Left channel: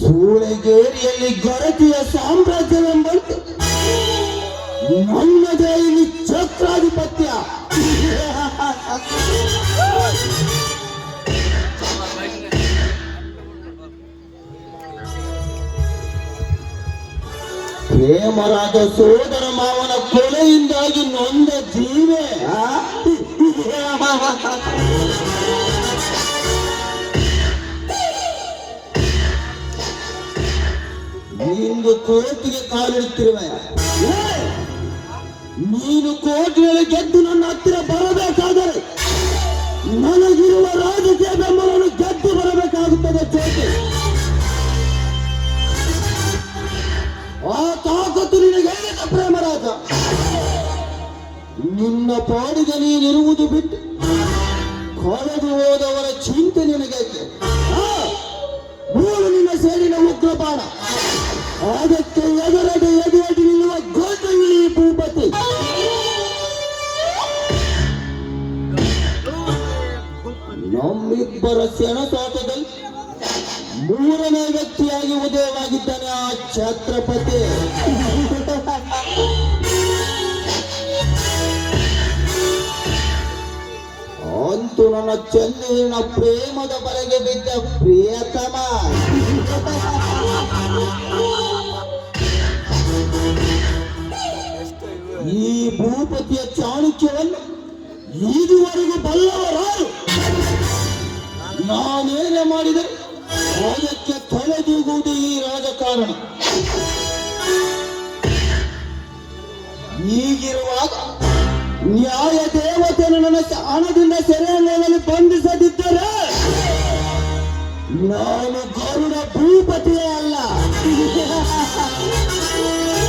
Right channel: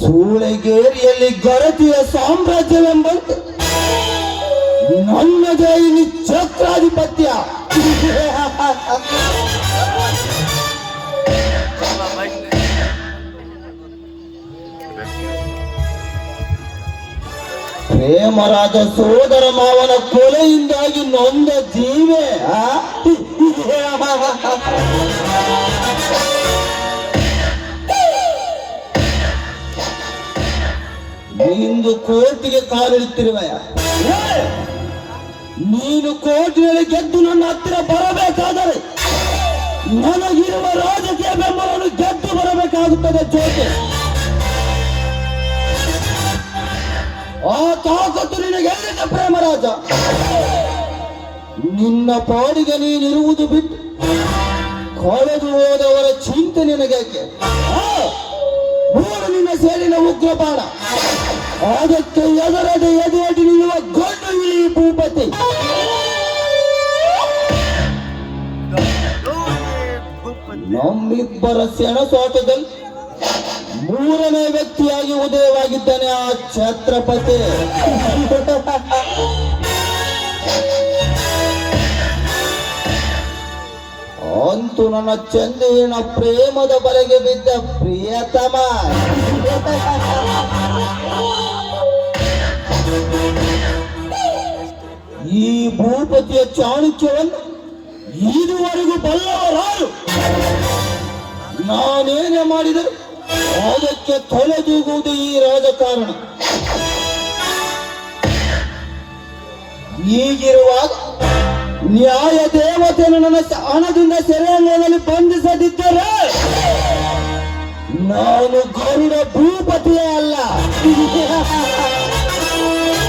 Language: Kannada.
ಸೂಳೆಗೇರಿಯಲ್ಲಿ ಗರತಿಯ ಸಾಮ್ರಾಜ್ಯ ನನ್ನದೇ ಇಲ್ಲಿ ಛತ್ರಾಧಿಪತ್ಯ. ಪ್ರೇಮರಾಜ ಸೋದರ ಮಾವನ ಕೊಲೆಯಿಂದಾಗಿ ನೊಂದ ಜೀವೆ. ಇಂದು ಕೋರ್ಟಿಗೆ ಕಾಲಿಡುತ್ತಿರುವೆಯ? ನೀನು ಕೋರ್ಟಿನಲ್ಲಿ ಗೆದ್ದು ನನ್ನ ಹತ್ತಿರ ಬರಬೇಕಾದರೆ ನನಗಿರುವ ರಾಜಕೀಯ ಬೆಂಬಲವನ್ನು ಗೆದ್ದು ಬರಬೇಕಾಗುತ್ತದೆ ಜೊತೆ. ಆ ತಾಕತ್ತು ನಿನಗೆ ಪ್ರೇಮ ಪ್ರೇಮರಾಜ ನಿನ್ನ ಪಾಡಿಗೆ ನೀನಿರುವುದು ಬಿಟ್ಟು ಕಳೆದು ಹೋದವರ ಚಿಂತೆ ನಿನಗೆ ಮೂರು ನಿನ್ನ ಸೇರಿನ ಉಗ್ರ ನಮ್ಮಿಬ್ಬರ ಸೆಣಸಾಟದಲ್ಲಿ ಮೂರನೇ ವ್ಯಕ್ತಿಯಾಗಿ ಉದಯವಾಗಿದ್ದಾನೆ ಆ ಛತ್ರಪತಿ. ಅಂತೂ ನನ್ನ ಚಂದಿನ ಪ್ರೇಮದ ಬಲೆಗೆ ಬಿದ್ದ ಪ್ರಿಯತಮ. ಈ ಭೂಪತಿಯ ಚಾಣಕ್ಯವನ್ನು ಇದುವರೆಗೂ ಬಲ್ಲವರಾರು ನಾನೇನೇ ಮಾಡಿದೆ. ಅದಕ್ಕೆ ತೊಲೆದೂಗುವುದು ಈ ರಾಜಕಾರಣ. ಈಗಿರುವಾಗ ನ್ಯಾಯ ದೇವತೆಯನ್ನು ನನ್ನ ಹಣದಿಂದ ಸೆರೆಯಲ್ಲಿ ಬಂಧಿಸದಿದ್ದರೆ ನಾನು ಗರುಡ ಭೂಪತಿಯೇ ಅಲ್ಲ.